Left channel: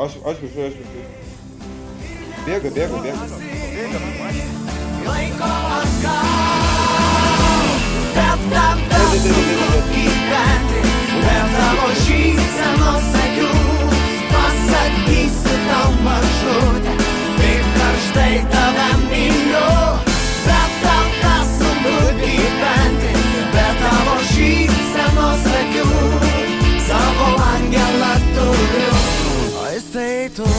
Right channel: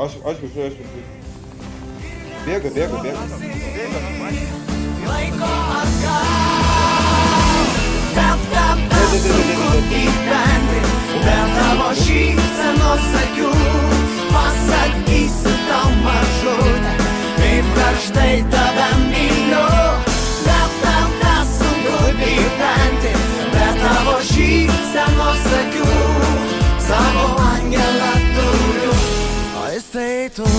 Aš viršuoju. Bėga. Laiko atgal, bet tam tas sunku gyventi, bet tavo šypsenos akių pasakysiu tau mažutę, kaip karštai tave myliu, bet tam tas sunku gyventi, bet tavo šypsenos akių savo angelą turiu, o jis tai tu.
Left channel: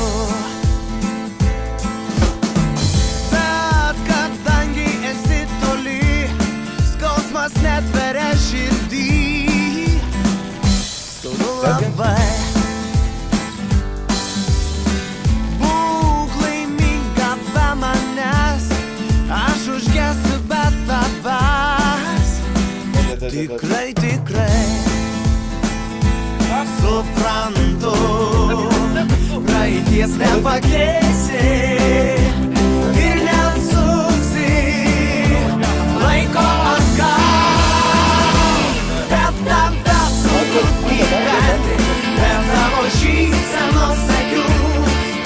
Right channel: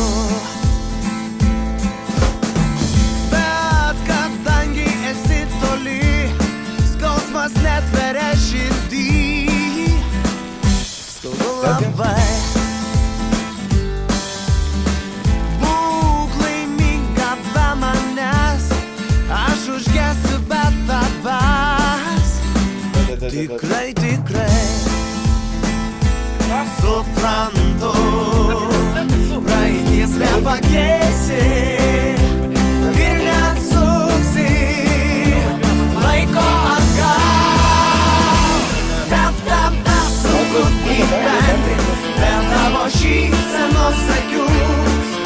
Esi toli, skausmas netveria širdį, skaudu labai. Būk laiminga be manęs, aš užgesiu be tavęs. Tikrai suprantu, praeities nepakeisi ir neatsuksi laiko atgal, bet tam tas sunku gyventi, bet tavo šypsenos akių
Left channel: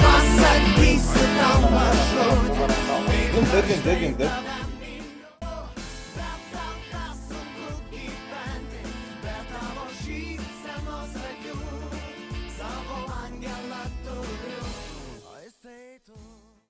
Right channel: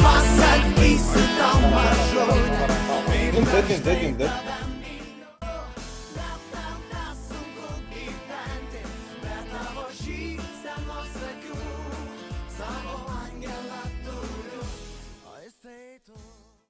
pasakysiu tau mažutę. Dead. Bet tavo šypsenos akių savo